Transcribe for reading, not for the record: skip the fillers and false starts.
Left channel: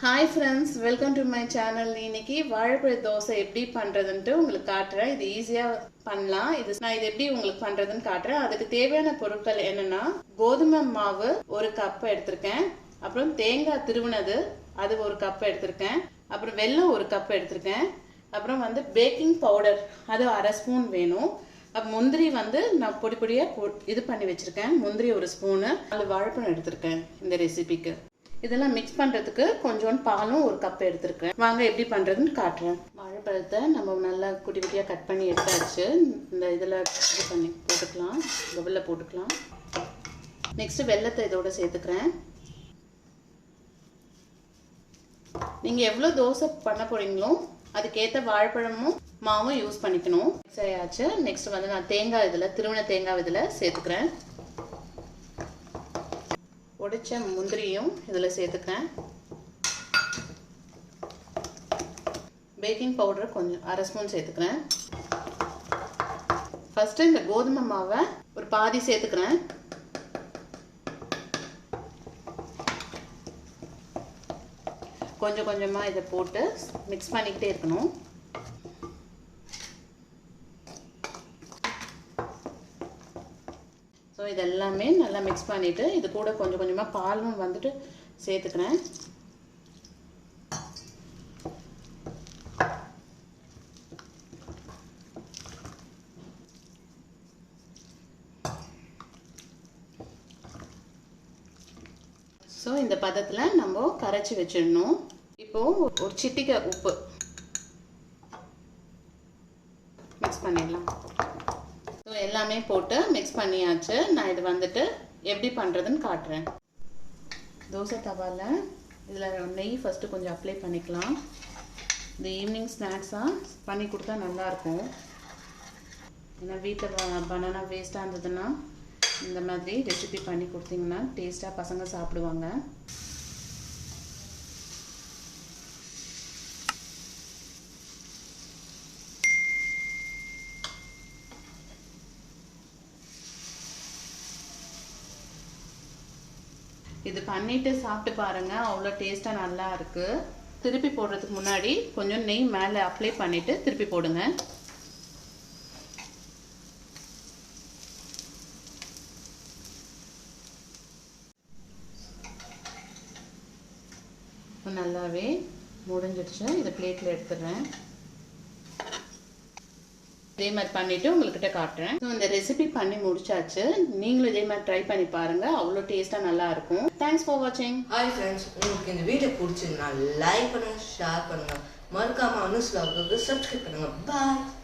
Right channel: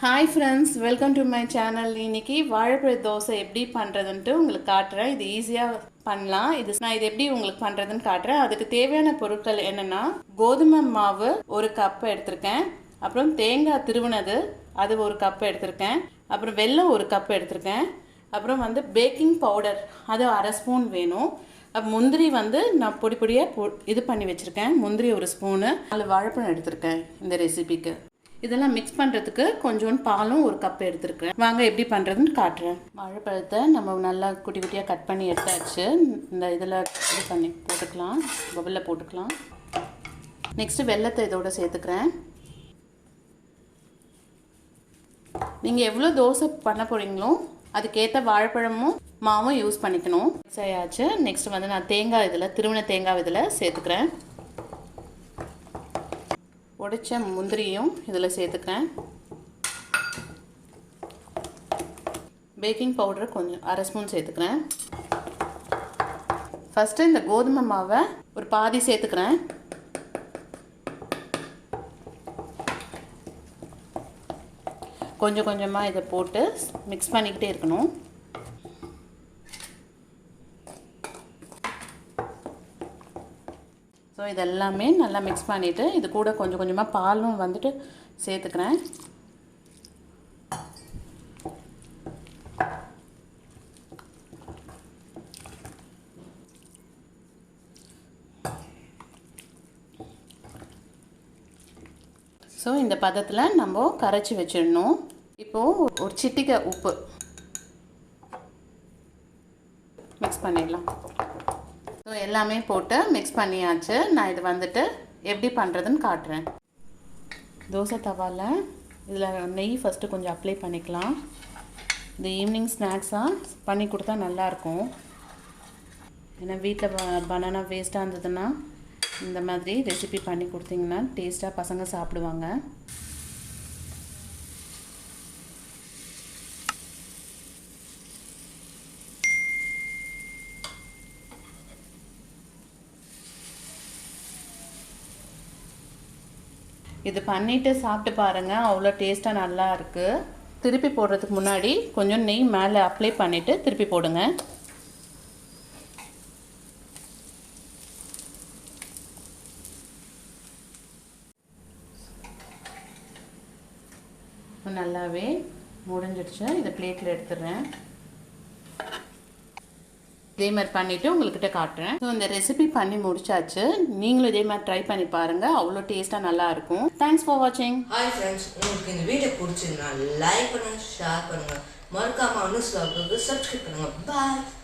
Hi friends, welcome to my channel. இன்னைக்கு வாழைப்பழ தோசை எப்படி பண்றதுன்னு உங்களுக்கு காட்டுறேன். இது ஈஸியா பண்ணலாம். நான் இது எப்படி உங்களுக்கு பண்றதுன்னு காட்டுறேன். அதுக்கு தேவையான பொருட்கள் என்னன்னா கோதுமை மாவு 1 கப் எடுத்துர்க்கேன். அப்புறம் தேங்காய் திருவுனது அது 1 கப் எடுத்துர்க்கேன். அப்புறம் வெல்லம் 1 கப் எடுத்துர்க்கேன். அப்புறம் பேக்கிங் பவுடர் அது 1/2 ஸ்பூன் வேணும். முந்திரி நான் பொடி பொடியா இது பண்ணி வச்சிருக்கேன். முந்திரி 1 ஸ்பூன். 4 வாழைப்பழம் எடுத்துர்க்கேன் இந்த ரெசிபிக்கு. இதெல்லாம் மிக்ஸ் பண்ணுறதுக்கு கொஞ்சோண்டு பாலும் 1 கப் எடுத்துருக்கேன். வாங்க எப்படி பண்ணுறதுன்னு காட்டுறேன். வாழைப்பழத்தை நம்ம நல்லா குட்டி குட்டியாக கட் பண்ணி எடுத்தாச்சு. இந்த இதில் இது பண்ணி போட்டுக்கலாம், பவுலில் போட்டுக்கலாம். நெக்ஸ்ட்டு வெல்லத்தை இதோட சேர்த்துக்கிறேன். நீங்கள் எவ்வளோ தோசை பண்ண போகிறீங்களோ அதுக்கேற்ற வாழைப்பழமும் மாவும் யூஸ் பண்ணிக்கணும். மிக்ஸ் ஆயாச்சு. நெக்ஸ்ட் நான் தேங்காய் இதில் திருவண்ண தேங்காய் இதில் சேர்த்துக்கிறேன். உடைச்ச முந்திரியும் இதில் சேர்த்துக்கிறேன். பேக்கிங் பவுடர் கொஞ்சம் 1/2 ஸ்பூன் சேர்த்துக்கிறேன். ஃபஸ்ட்டு இந்த கோதுமை மாவை ஒரு பாதி சேர்த்துக்கிறேன். கொஞ்சம் கொஞ்சமாக இதை போட்டு மிக்ஸ் பண்ணிக்கிட்டே இருக்கணும். ஸோ இதெல்லாமே நல்லா மிக்ஸ் பண்ணிவிட்டு இது கூட கொஞ்சம் கொஞ்சமாக பாலும் சேர்த்துக்கிறேன். ஸோ இந்த பதத்தில் நம்ம கரைச்சி வச்சிடணும். இப்போது ஒரு சிட்டிகை உப்பு மிக்ஸ் பண்ணிடலாம். ஸோ எல்லாமே போட்டு மிக்ஸ் பண்ணியாச்சு. நான் இது எப்படி பண்ணுறதுன்னு காட்டுறேன். தோசை தவாவில் இதில் நெய் ஃபஸ்ட்டு கொஞ்சம் அப்ளை பண்ணிக்கலாம். இந்த ஈவினிங் ஸ்நாக்ஸாக பண்ணி கொடுத்தா நல்லாயிருக்கும். ஏன்னா வீட்டில் பனானா வேஸ்ட்டாக இருந்ததுன்னா இந்த மாதிரி ரெசிபி பண்ணி கொடுத்தீங்கன்னா டேஸ்ட்டாக பசங்க சாப்பிடுவாங்க. இது பண்ணிவிட்டு சாப்பிட்டு பாருங்கள், அவ்வளோ டேஸ்ட்டாக நல்லா இருக்குது. திருப்பி போடுறதுக்கு முன்னாடி கொஞ்சம் நெய் மேலே அப்ளை பண்ணிவிட்டு திருப்பி போடுங்க. நல்லாவே முடிஞ்சிடுச்சு. இதை பிளேட்டில் எடுத்துடுறேன். இதே மாதிரி பண்ணிவிட்டு உங்கள்கிட்ட காட்டுறேன். ஸோ இந்த ரெசிபி பண்ணி முடிச்சாச்சு. நீங்களும் இதே மாதிரி ட்ரை பண்ணி பாருங்கள், அவ்வளோ டேஸ்ட்டாக நல்லாயிருக்கும். தேங்க்ஸ் ஃபார் வாட்சிங். ஹாய் ஃப்ரெண்ட்ஸ், உங்களுக்கு இந்த வீடியோ பிடிச்சிருந்தா லைக் பண்ணுங்கள், ஷேர் பண்ணுங்கள், மறக்காமல் அனுஸ் வ்ளாகுக்கு சப்ஸ்கிரைப் பண்ணுங்கள். பாய்.